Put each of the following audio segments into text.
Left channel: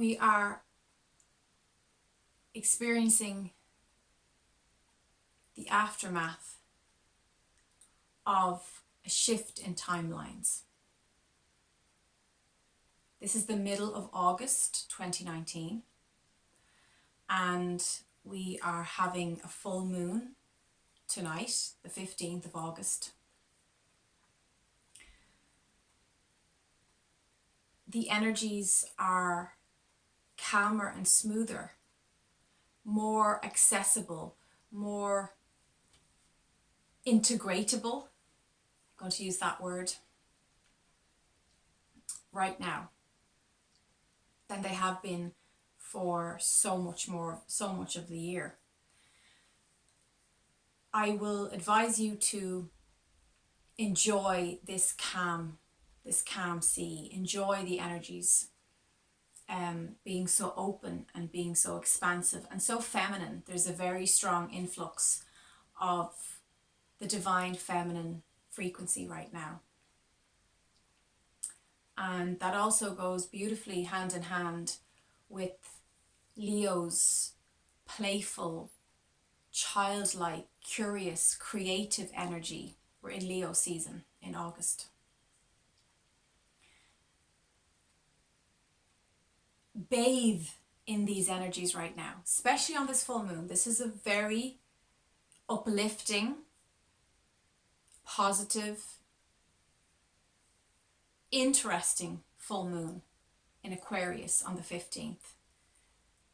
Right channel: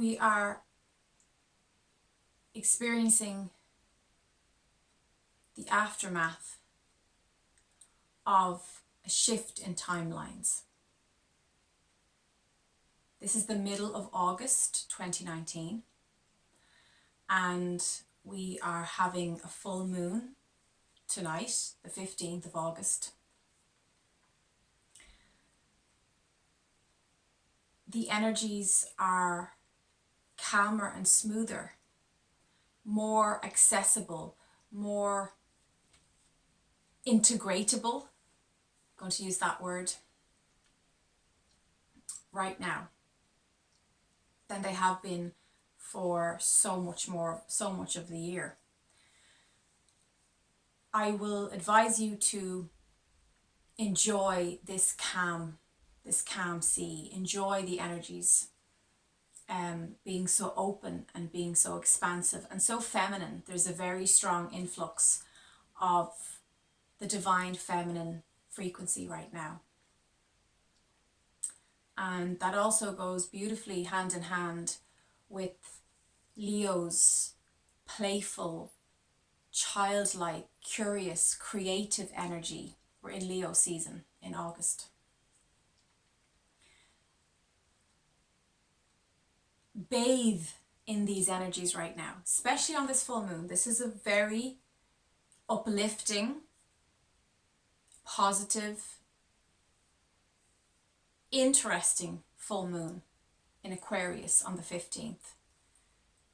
We are experiencing the aftermath of a shift in timelines. This is the middle of August 2019, and we are having a full moon tonight, the 15th of August. The energies are calmer and smoother, more accessible, more integratable. I'm going to use that word right now than they have been for so much of the year. I will advise you to enjoy this calm sea, enjoy the energies, being so open and being so expansive and so feminine. There's a very strong influx of the divine feminine frequency right now. And that also goes beautifully hand in hand with Leo's playful, childlike, curious, creative energy. We're in Leo season in August. Bathe in these energies right now, especially on this full moon. This is a very uplifting, positive, interesting full moon in Aquarius on the 15th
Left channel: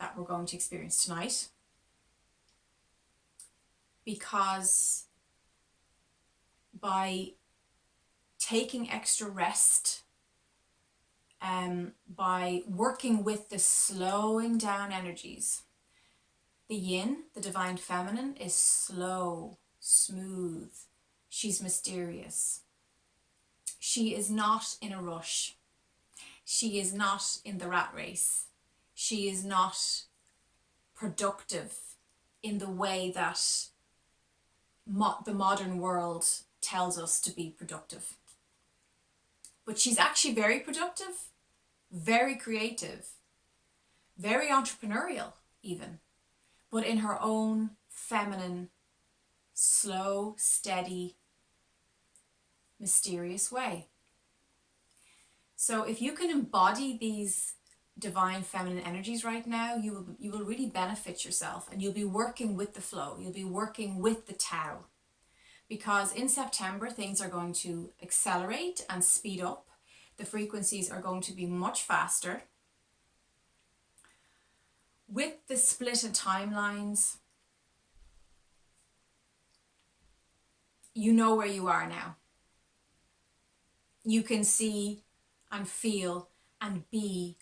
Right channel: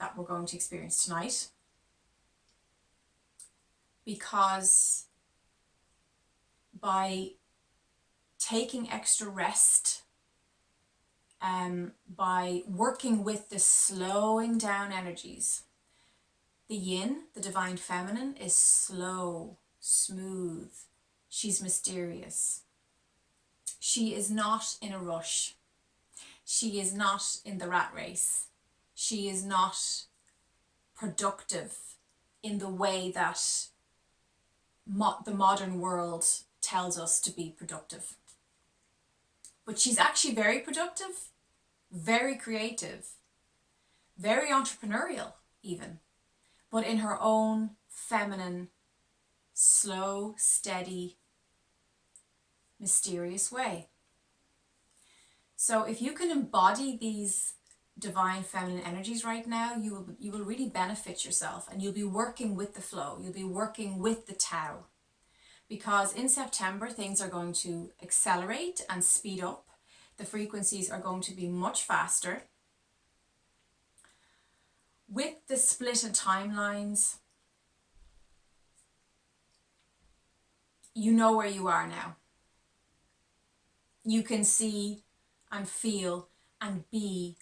that we're going to experience tonight, because by taking extra rest, by working with the slowing down energies, the yin, the divine feminine, is slow, smooth. She's mysterious. She is not in a rush. She is not in the rat race. She is not productive in the way that the modern world tells us to be productive. But she's actually very productive, very creative, very entrepreneurial even, but in her own feminine, slow, steady, mysterious way. So if you can embody these divine feminine energies right now, you will really benefit yourself, and you'll be working with the flow. You'll be working with the Tao, because in September things are going to accelerate and speed up. The frequencies are going to be much faster. With the split in timelines, you know where you are now. You can see and feel and be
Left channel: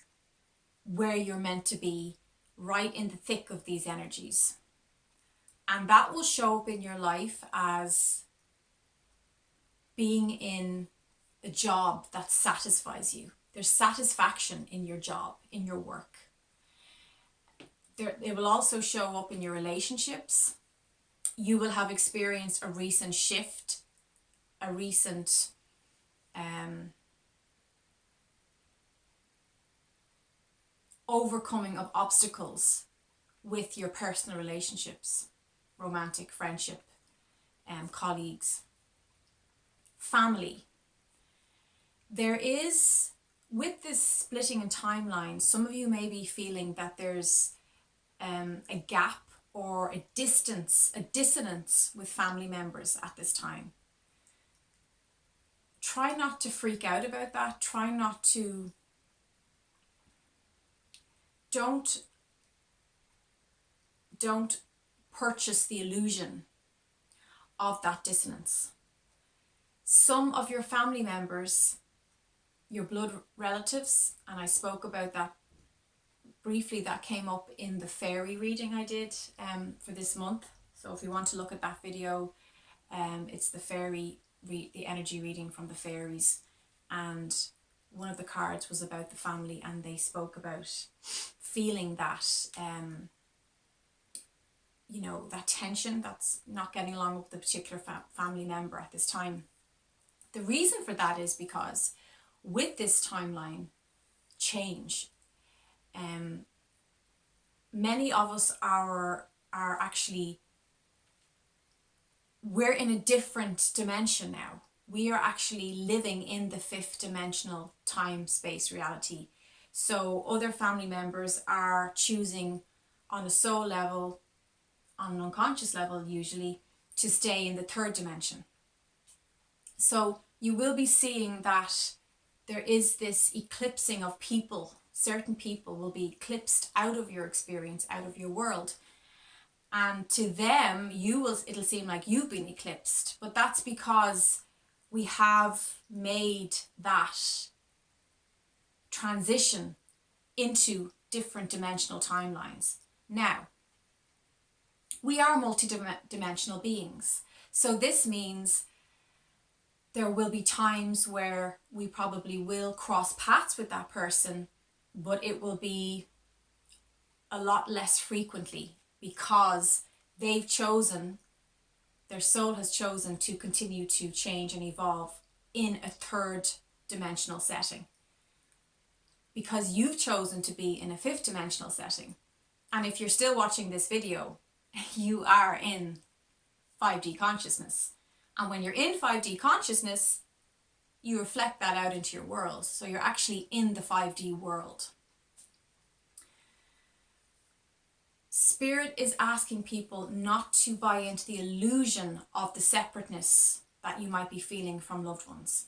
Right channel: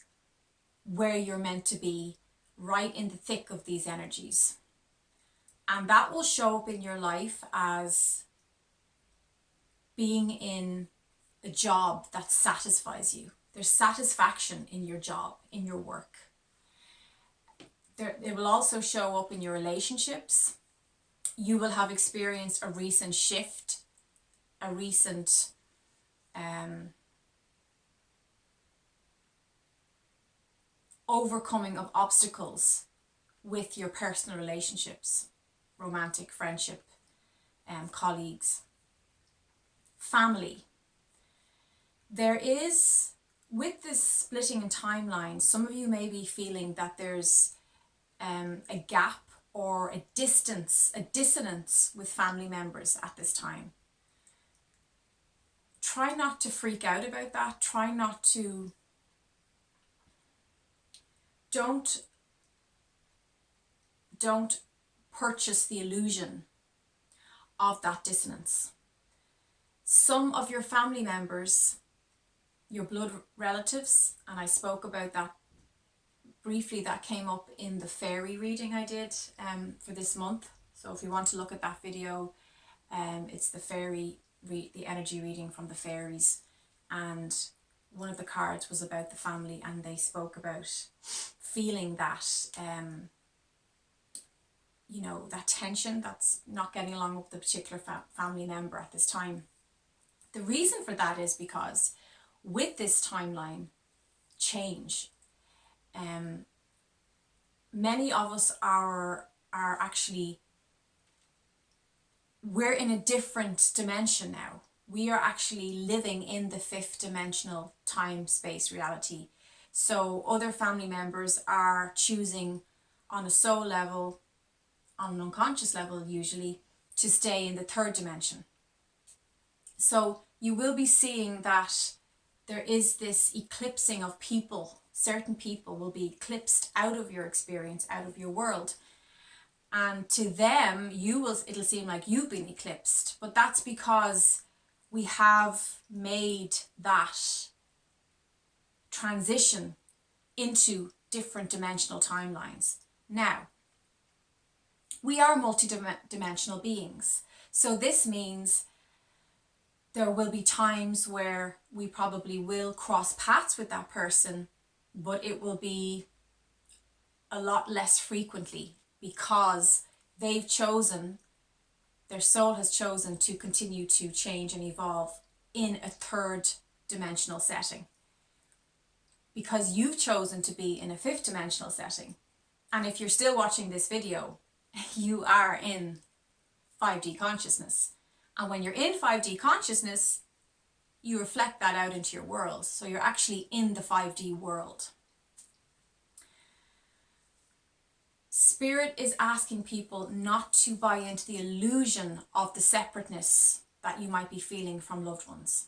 where you're meant to be, right in the thick of these energies. And that will show up in your life as being in a job that satisfies you. There's satisfaction in your job, in your work. It will also show up in your relationships. You will have experienced a recent shift, a recent overcoming of obstacles with your personal relationships, romantic, friendship, colleagues, family. There is, with this splitting in timelines, some of you may be feeling that there's a gap or a dissonance with family members at this time. Try not to freak out about that. Try not to, don't purchase the illusion of that dissonance. Some of your family members, your blood relatives, and I spoke about that briefly, that came up in the fairy reading I did for this month. So if you want to look at that video, it's the energy reading from the fairies, and one of the cards was about the family, and they spoke about feeling that that tension, that's not getting along with the particular family member at this time. The reason for that is because with this timeline change, Many of us are actually, we're in a different dimension now. We are actually living in the fifth dimensional time space reality. So other family members are choosing on a soul level, on an unconscious level usually, to stay in the third dimension. So you will be seeing that there is this eclipsing of people. Certain people will be eclipsed out of your experience, out of your world. And to them, it'll seem like you've been eclipsed. But that's because we have made that transition into different dimensional timelines. Now, we are multi-dimensional beings. So this means there will be times where we probably will cross paths with that person, but it will be a lot less frequently because their soul has chosen to continue to change and evolve in a third dimensional setting. Because you've chosen to be in a fifth dimensional setting. And if you're still watching this video, you are in 5D consciousness. And when you're in 5D consciousness, you reflect that out into your world. So you're actually in the 5D world. Spirit is asking people not to buy into the illusion of the separateness that you might be feeling from loved ones.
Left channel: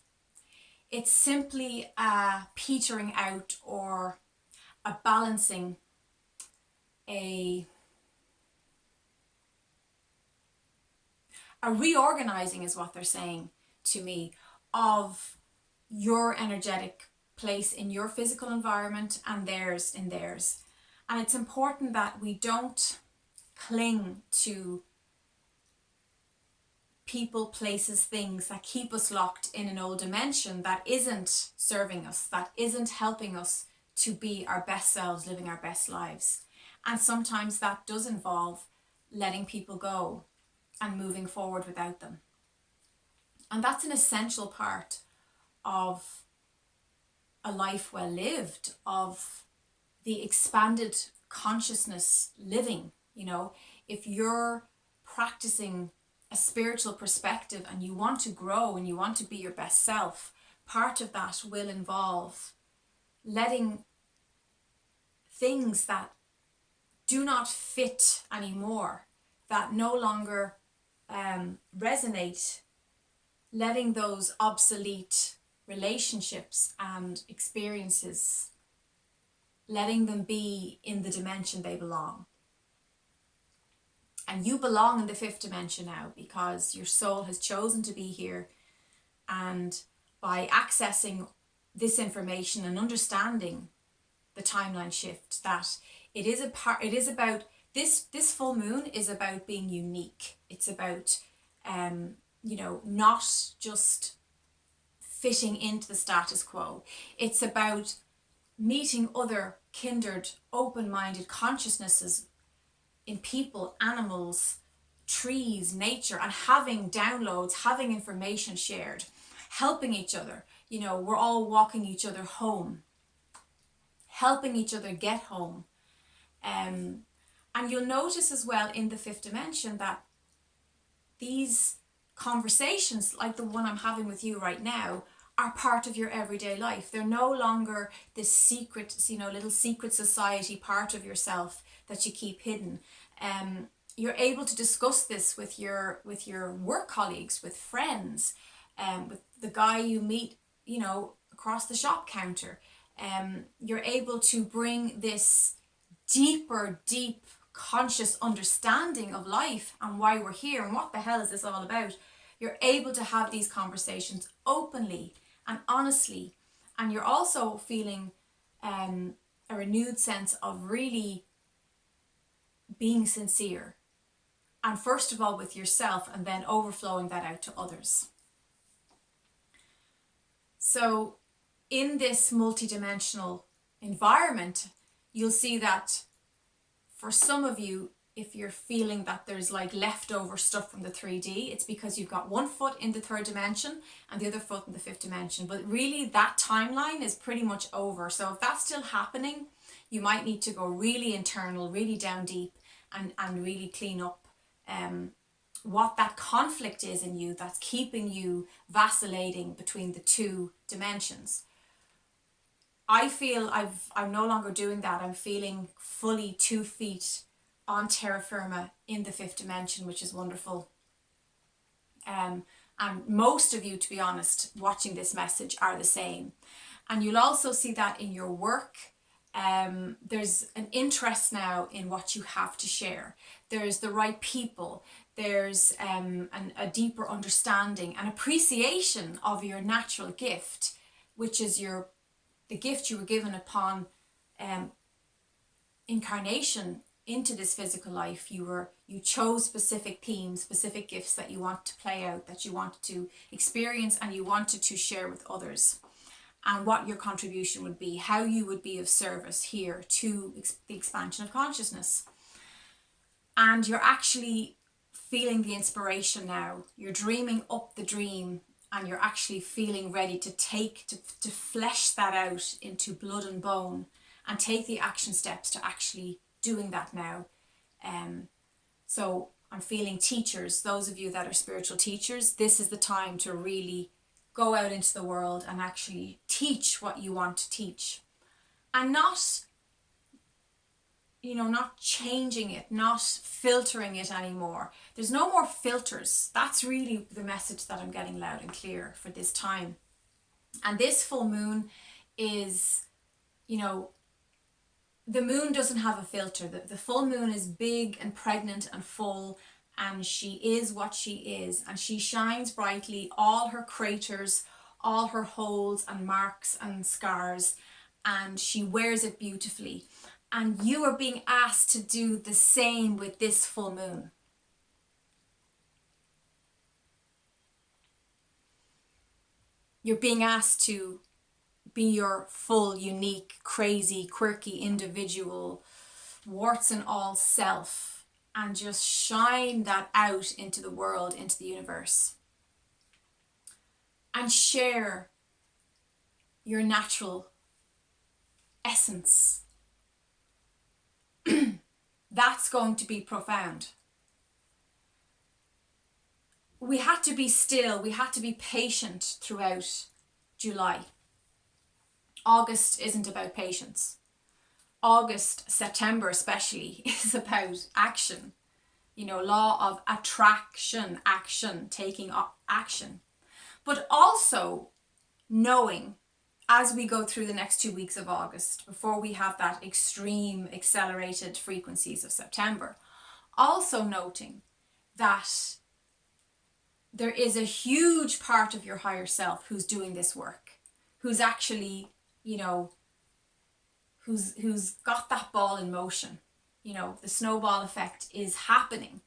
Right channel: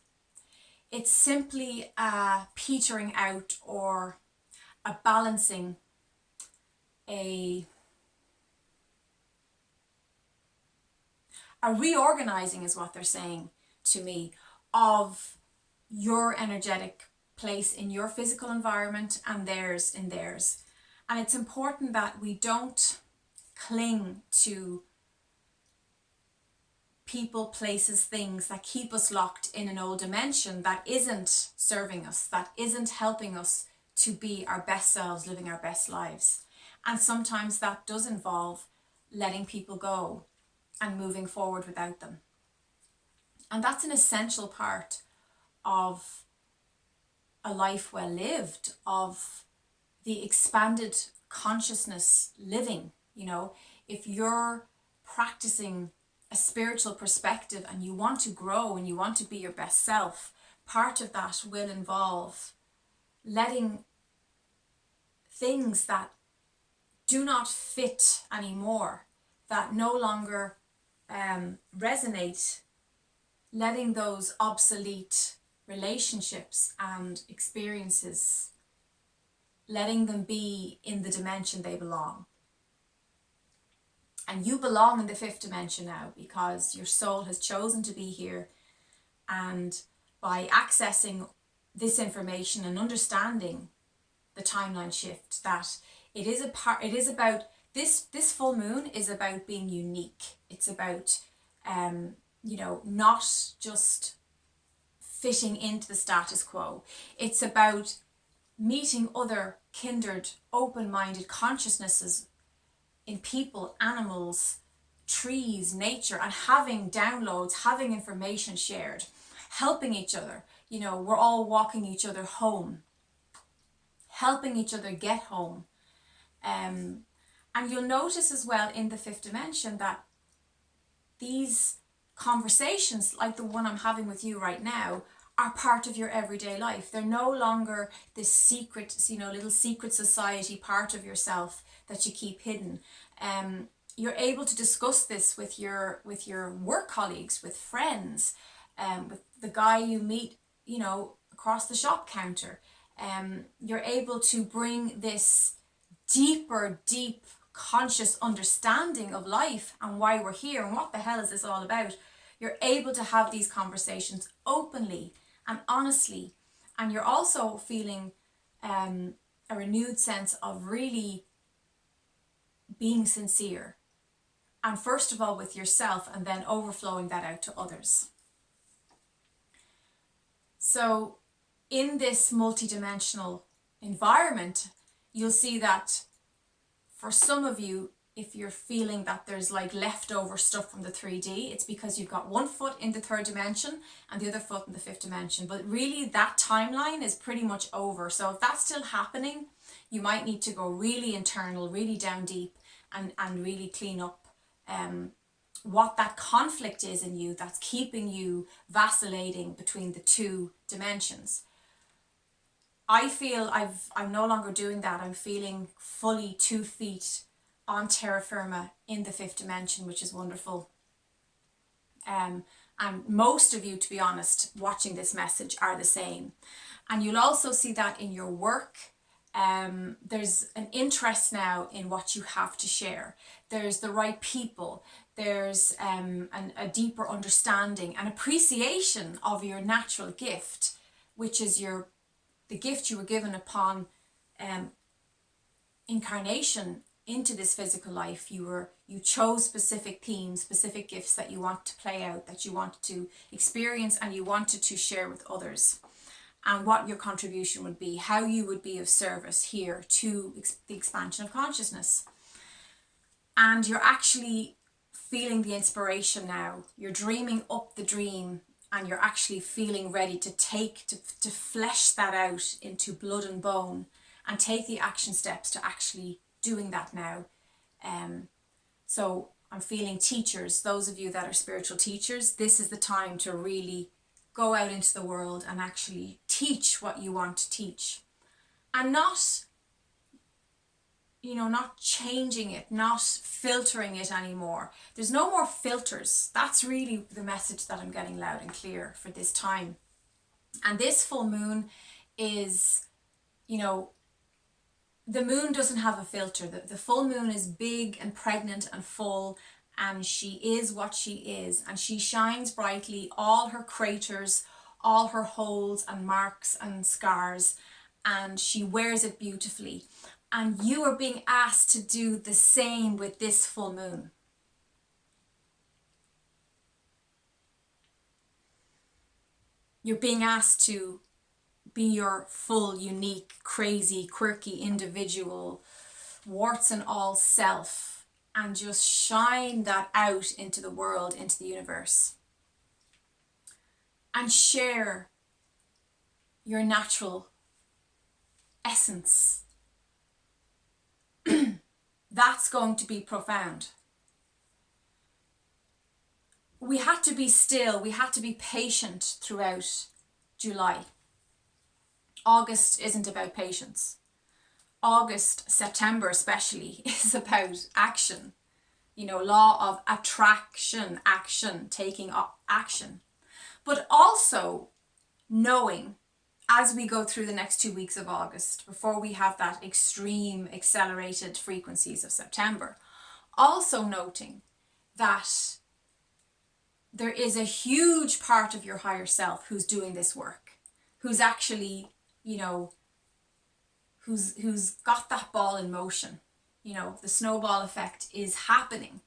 It's simply a petering out or a balancing, a reorganizing is what they're saying to me, of your energetic place in your physical environment and theirs in theirs. And it's important that we don't cling to people, places, things that keep us locked in an old dimension that isn't serving us, that isn't helping us to be our best selves, living our best lives. And sometimes that does involve letting people go and moving forward without them. And that's an essential part of a life well lived, of the expanded consciousness living. You know, if you're practicing a spiritual perspective and you want to grow and you want to be your best self, part of that will involve letting things that do not fit anymore, that no longer resonate, letting those obsolete relationships and experiences, letting them be in the dimension they belong. And you belong in the fifth dimension now because your soul has chosen to be here. And by accessing this information and understanding the timeline shift, that it is about this full moon is about being unique. It's about not just fitting into the status quo. It's about meeting other kindred, open-minded consciousnesses in people, animals, trees, nature, and having downloads, having information shared, helping each other. You know, we're all walking each other home, helping each other get home. And you'll notice as well in the fifth dimension that these conversations, like the one I'm having with you right now, are part of your everyday life. They're no longer this secret, little secret society part of yourself that you keep hidden. You're able to discuss this with your work colleagues, with friends, with the guy you meet, across the shop counter. You're able to bring this deep conscious understanding of life and why we're here and what the hell is this all about. You're able to have these conversations openly and honestly, and you're also feeling a renewed sense of really being sincere, and first of all with yourself, and then overflowing that out to others. So in this multidimensional environment, you'll see that for some of you, if you're feeling that there's like leftover stuff from the 3D, it's because you've got one foot in the third dimension and the other foot in the fifth dimension. But really that timeline is pretty much over. So if that's still happening, You might need to go really internal, really down deep, and really clean up what that conflict is in you that's keeping you vacillating between the two dimensions. I feel I'm no longer doing that. I'm feeling fully 2 feet on terra firma in the fifth dimension, which is wonderful. And most of you, to be honest, watching this message are the same. And you'll also see that in your work. There's an interest now in what you have to share. There's the right people. There's a deeper understanding and appreciation of your natural gift, which is the gift you were given upon incarnation into this physical life. You chose specific themes, specific gifts that you want to play out, that you wanted to experience, and you wanted to share with others, and what your contribution would be, how you would be of service here to the expansion of consciousness. And you're actually feeling the inspiration now. You're dreaming up the dream, and you're actually feeling ready to flesh that out into blood and bone, and take the action steps to actually doing that now. So I'm feeling teachers, those of you that are spiritual teachers, this is the time to really go out into the world and actually teach what you want to teach. And not changing it, not filtering it anymore. There's no more filters. That's really the message that I'm getting loud and clear for this time. And this full moon is, the moon doesn't have a filter. The full moon is big and pregnant and full, and she is what she is, and she shines brightly, all her craters, all her holes and marks and scars, and she wears it beautifully. And you are being asked to do the same with this full moon. You're being asked to be your full, unique, crazy, quirky, individual, warts and all self, and just shine that out into the world, into the universe. And share your natural essence. That's going to be profound. We had to be still, we had to be patient throughout July. August isn't about patience. August, September especially, is about action. Law of attraction, action, taking action. But also knowing, as we go through the next 2 weeks of August, before we have that extreme accelerated frequencies of September, also noting that there is a huge part of your higher self who's doing this work, who's actually, who's got that ball in motion. The snowball effect is happening,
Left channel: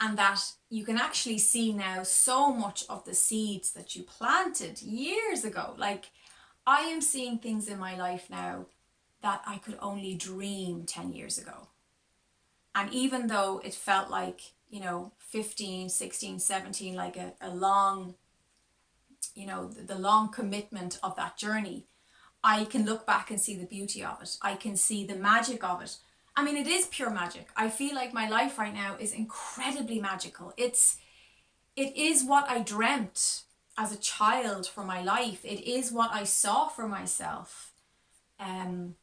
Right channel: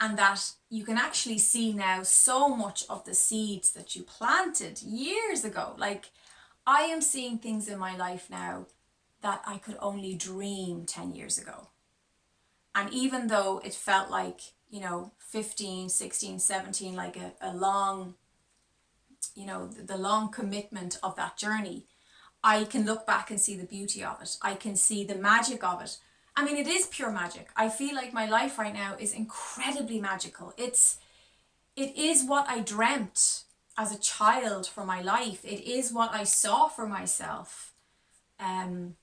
and that you can actually see now so much of the seeds that you planted years ago. Like, I am seeing things in my life now that I could only dream 10 years ago. And even though it felt like, 15, 16, 17, like a long, the long commitment of that journey, I can look back and see the beauty of it. I can see the magic of it. I mean, it is pure magic. I feel like my life right now is incredibly magical. It is what I dreamt as a child for my life. It is what I saw for myself. I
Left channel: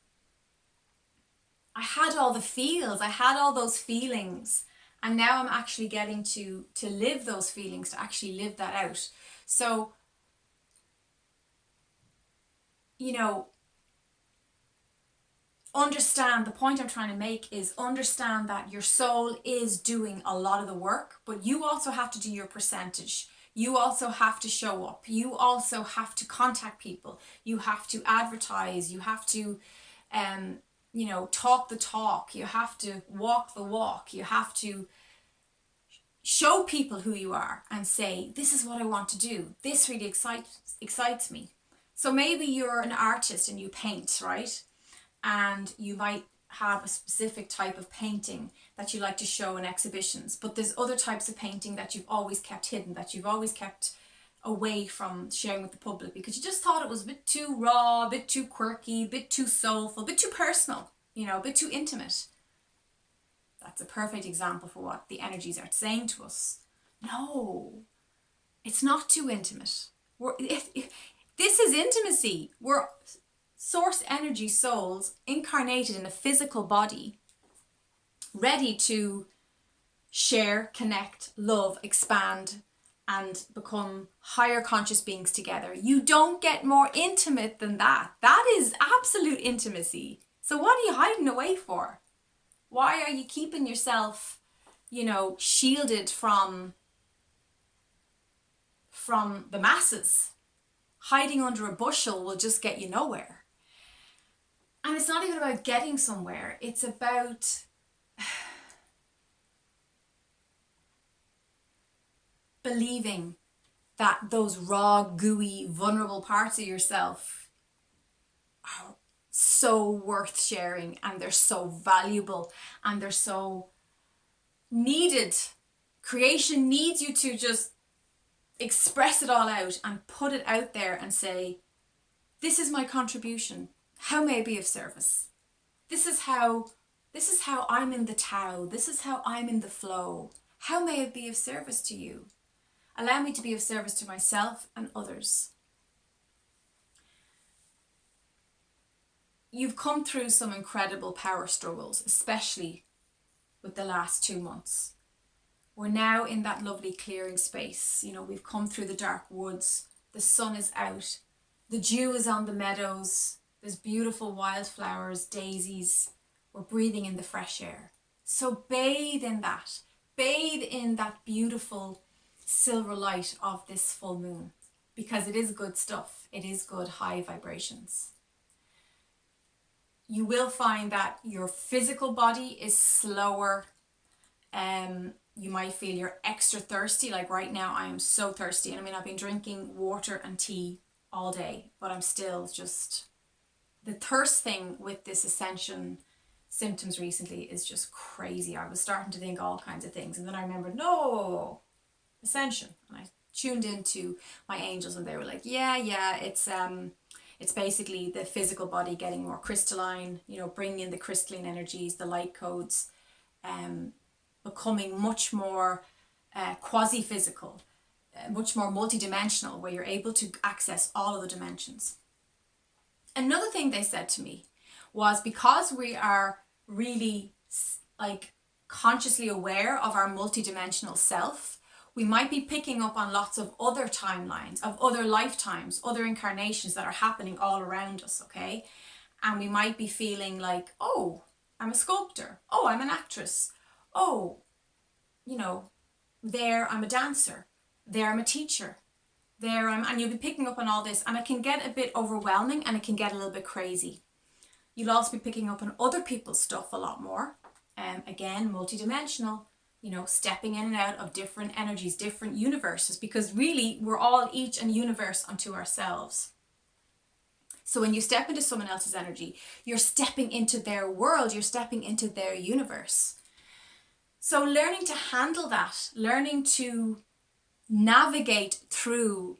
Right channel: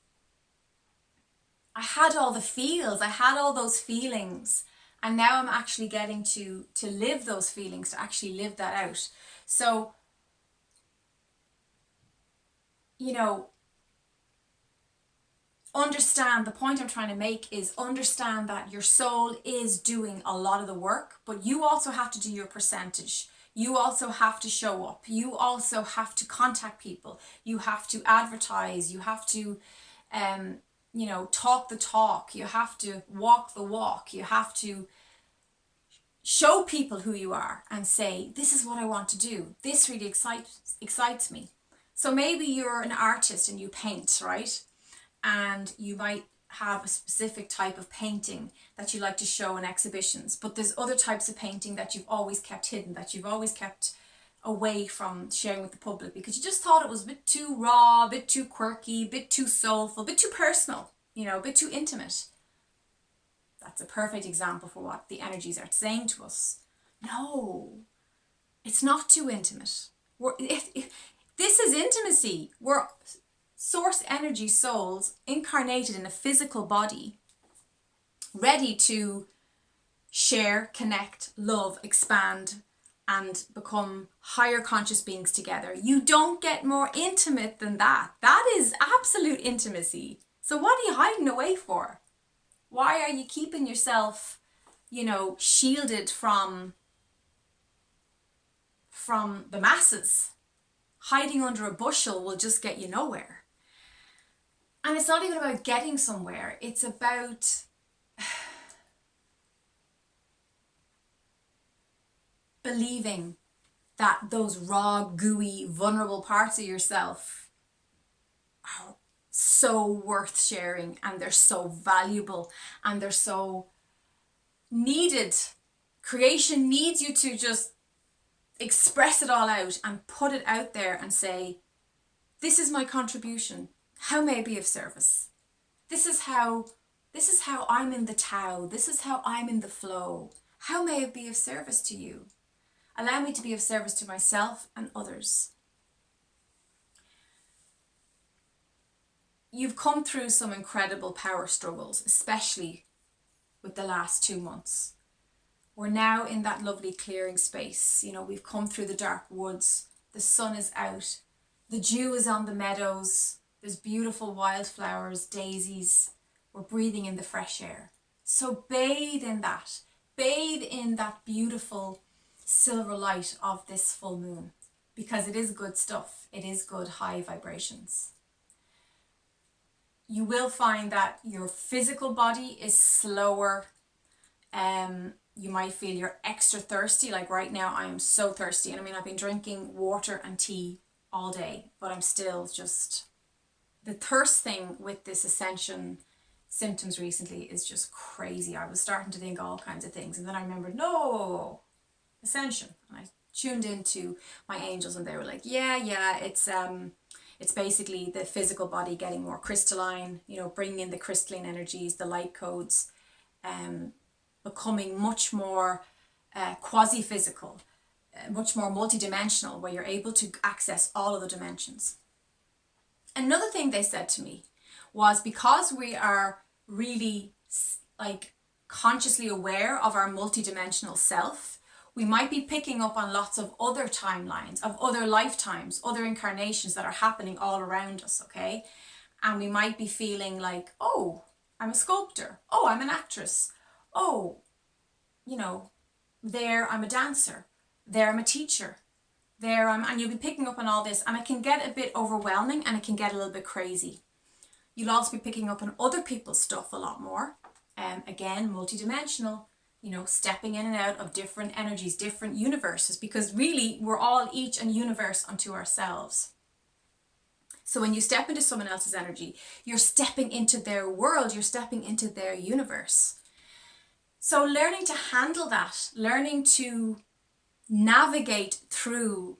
had all the feels. I had all those feelings. And now I'm actually getting to live those feelings, to actually live that out. So, understand, the point I'm trying to make is understand that your soul is doing a lot of the work, but you also have to do your percentage. You also have to show up. You also have to contact people. You have to advertise. You have to, talk the talk. You have to walk the walk. You have to show people who you are and say, this is what I want to do. This really excites me. So maybe you're an artist and you paint, right? And you might have a specific type of painting that you like to show in exhibitions, but there's other types of painting that you've always kept hidden, that you've always kept away from sharing with the public because you just thought it was a bit too raw, a bit too quirky, a bit too soulful, a bit too personal. a bit too intimate. That's a perfect example for what the energies are saying to us. No, it's not too intimate. If this is intimacy. We're source energy souls incarnated in a physical body, ready to share, connect, love, expand, and become higher conscious beings together. You don't get more intimate than that. That is absolute intimacy. So what are you hiding away for? Why are you keeping yourself, shielded from the masses? Hiding under a bushel will just get you nowhere. And it's not even about getting somewhere. It's about believing that those raw, gooey, vulnerable parts of yourself are so worth sharing, and they're so valuable, and they're so needed. Creation needs you to just express it all out and put it out there and say, this is my contribution. How may I be of service? This is how I'm in the Tao. This is how I'm in the flow. How may I be of service to you? Allow me to be of service to myself and others. You've come through some incredible power struggles, especially with the last 2 months. We're now in that lovely clearing space. We've come through the dark woods. The sun is out. The dew is on the meadows. There's beautiful wildflowers, daisies. We're breathing in the fresh air. So bathe in that. Bathe in that beautiful silver light of this full moon, because it is good stuff. It is good high vibrations. You will find that your physical body is slower. You might feel you're extra thirsty. Like right now, I am so thirsty. And I've been drinking water and tea all day, but I'm still just... The thirst thing with this ascension symptoms recently is just crazy. I was starting to think all kinds of things. And then I remembered, no, ascension. And I tuned into my angels and they were like, yeah, it's basically the physical body getting more crystalline, bringing in the crystalline energies, the light codes, becoming much more quasi-physical, much more multidimensional, where you're able to access all of the dimensions. Another thing they said to me was, because we are really consciously aware of our multidimensional self, we might be picking up on lots of other timelines, of other lifetimes, other incarnations that are happening all around us, okay? And we might be feeling like, oh, I'm a sculptor. Oh, I'm an actress. Oh, there I'm a dancer. There I'm a teacher. And you'll be picking up on all this, and it can get a bit overwhelming and it can get a little bit crazy. You'll also be picking up on other people's stuff a lot more. Again, multidimensional, stepping in and out of different energies, different universes, because really we're all each a universe unto ourselves. So when you step into someone else's energy, you're stepping into their world, you're stepping into their universe. So learning to handle that, learning to navigate through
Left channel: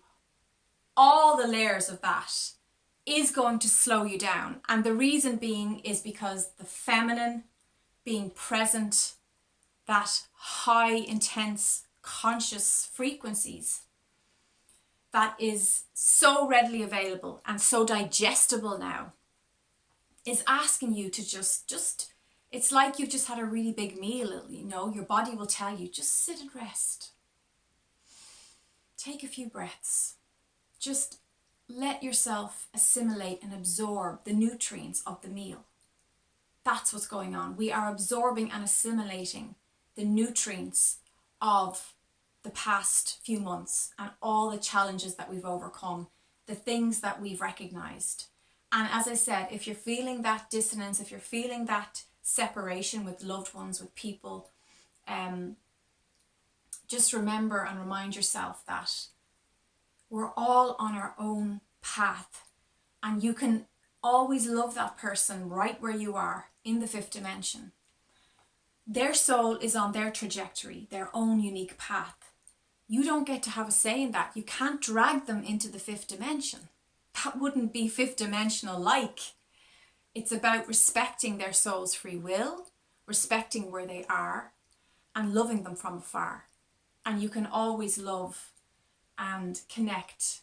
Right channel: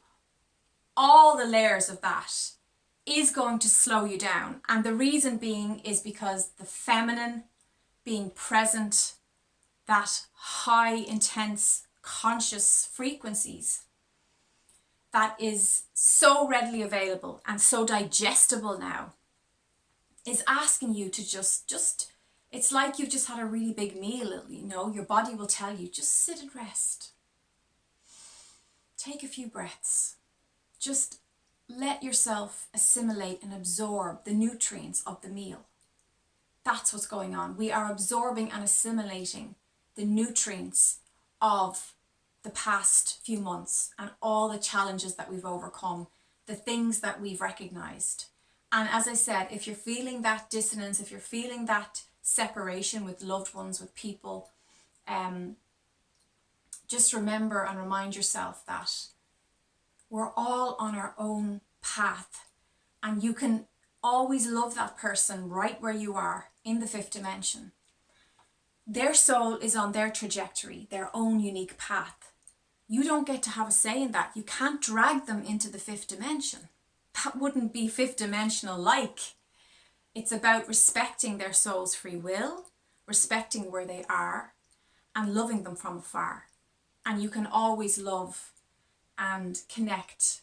all the layers of that is going to slow you down. And the reason being is because the feminine being present, that high, intense, conscious frequencies that is so readily available and so digestible now, is asking you to just it's like you've just had a really big meal, your body will tell you, just sit and rest. Take a few breaths. Just let yourself assimilate and absorb the nutrients of the meal. That's what's going on. We are absorbing and assimilating the nutrients of the past few months and all the challenges that we've overcome, the things that we've recognized. And as I said, if you're feeling that dissonance, if you're feeling that separation with loved ones, with people, just remember and remind yourself that we're all on our own path, and you can always love that person right where you are in the fifth dimension. Their soul is on their trajectory, their own unique path. You don't get to have a say in that. You can't drag them into the fifth dimension. That wouldn't be fifth dimensional like. It's about respecting their soul's free will, respecting where they are, and loving them from afar. And you can always love and connect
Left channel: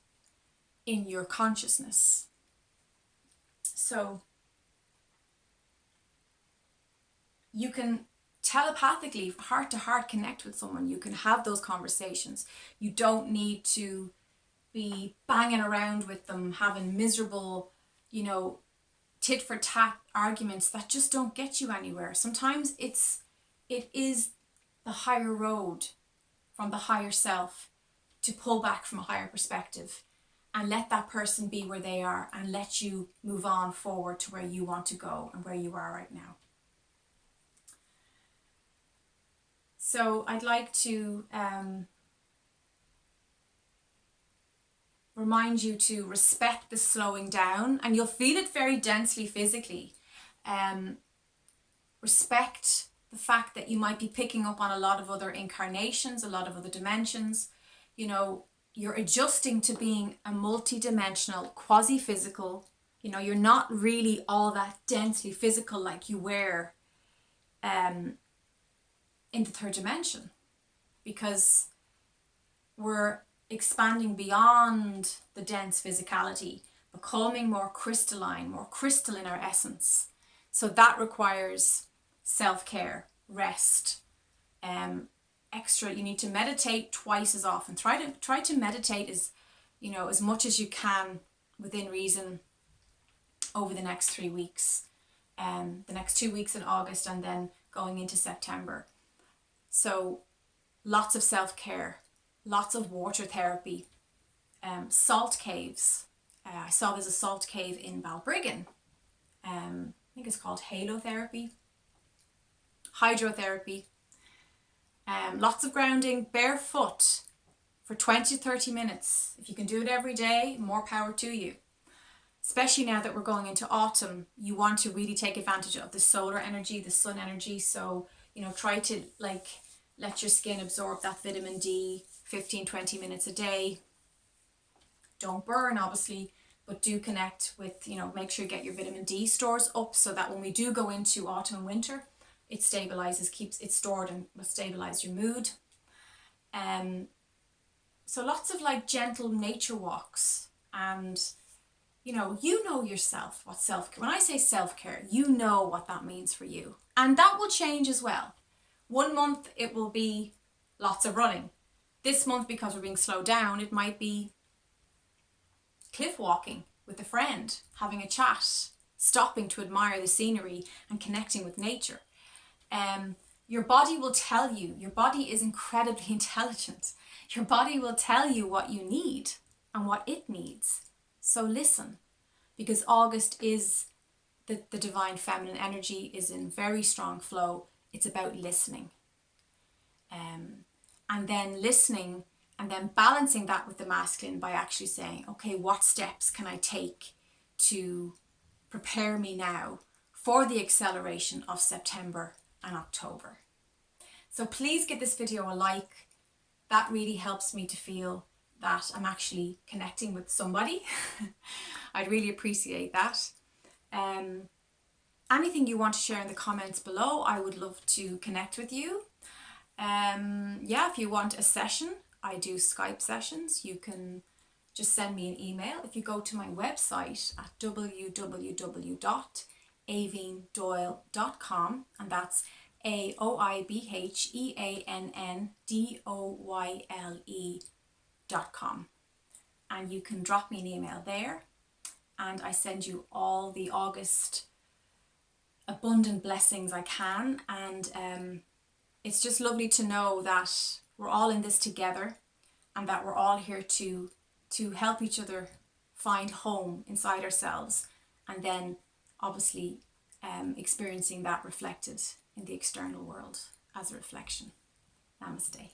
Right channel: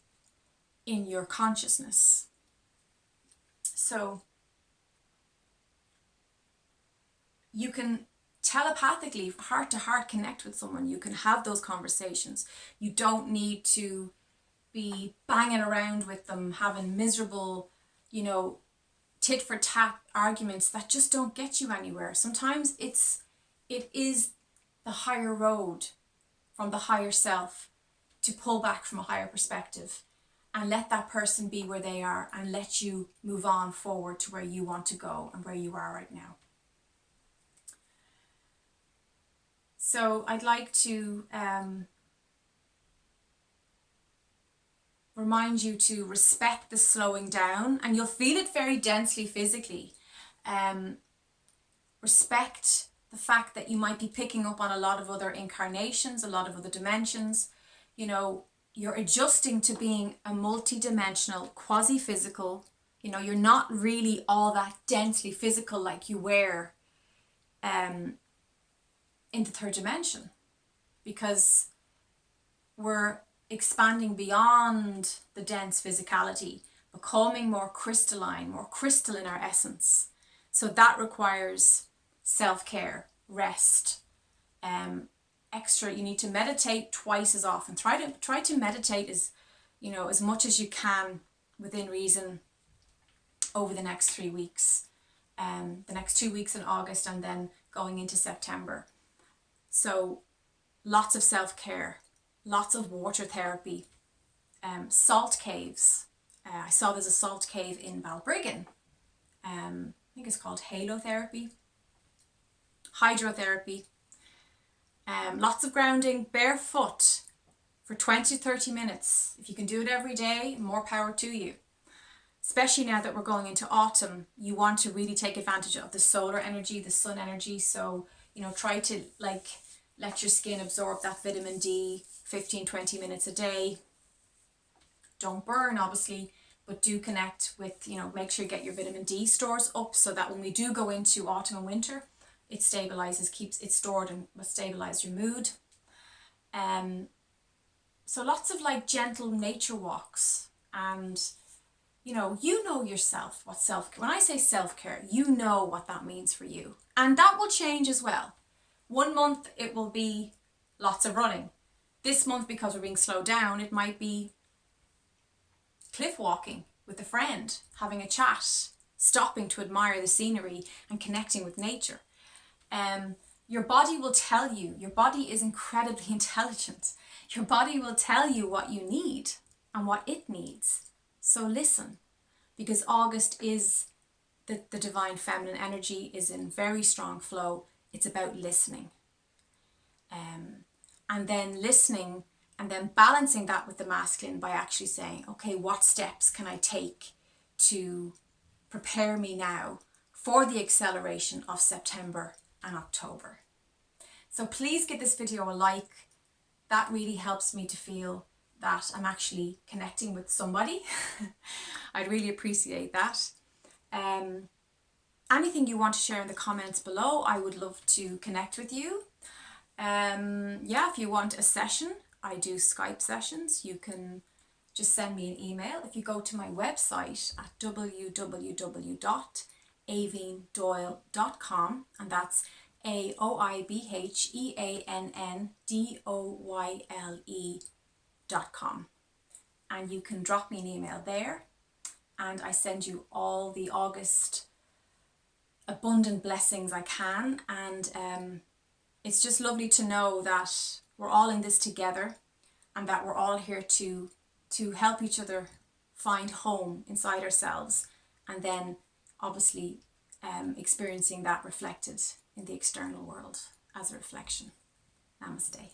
in your consciousness. So you can telepathically, heart to heart, connect with someone. You can have those conversations. You don't need to be banging around with them, having miserable, tit for tat arguments that just don't get you anywhere. Sometimes it is the higher road from the higher self to pull back from a higher perspective and let that person be where they are and let you move on forward to where you want to go and where you are right now. So I'd like to remind you to respect the slowing down, and you'll feel it very densely physically. Respect the fact that you might be picking up on a lot of other incarnations, a lot of other dimensions. You're adjusting to being a multi-dimensional, quasi-physical. You're not really all that densely physical like you were in the third dimension, because we're expanding beyond the dense physicality, becoming more crystalline, more crystal in our essence. So that requires self-care, rest, extra. You need to meditate twice as often. Try to meditate as much as you can within reason over the next 3 weeks, the next 2 weeks in August, and then going into September. So lots of self-care, lots of water therapy, salt caves. I saw there's a salt cave in Balbriggan. I think it's called halotherapy, hydrotherapy. Lots of grounding, barefoot for 20 to 30 minutes. If you can do it every day, more power to you. Especially now that we're going into autumn, you want to really take advantage of the solar energy, the sun energy. So, try to let your skin absorb that vitamin D 15-20 minutes a day. Don't burn, obviously, but do connect with, make sure you get your vitamin D stores up so that when we do go into autumn and winter, it stabilizes, keeps it stored, and will stabilize your mood. So lots of gentle nature walks, and you know yourself what self-care. When I say self-care, you know what that means for you, and that will change as well. 1 month it will be lots of running. This month, because we're being slowed down, it might be cliff walking with a friend, having a chat, stopping to admire the scenery and connecting with nature. Your body will tell you. Your body is incredibly intelligent. Your body will tell you what you need and what it needs. So listen, because August is the divine feminine energy is in very strong flow. It's about listening. And then listening and then balancing that with the masculine by actually saying, okay, what steps can I take to prepare me now for the acceleration of September and October? So please give this video a like. That really helps me to feel that I'm actually connecting with somebody. I'd really appreciate that. Anything you want to share in the comments below, I would love to connect with you. If you want a session, I do Skype sessions. You can just send me an email. If you go to my website at www.aoibheandoyle.com, and that's AOIBHEANNDOYLE.com, and you can drop me an email there, and I send you all the August abundant blessings I can. And it's just lovely to know that we're all in this together, and that we're all here to help each other find home inside ourselves, and then obviously experiencing that reflected in the external world as a reflection. Namaste.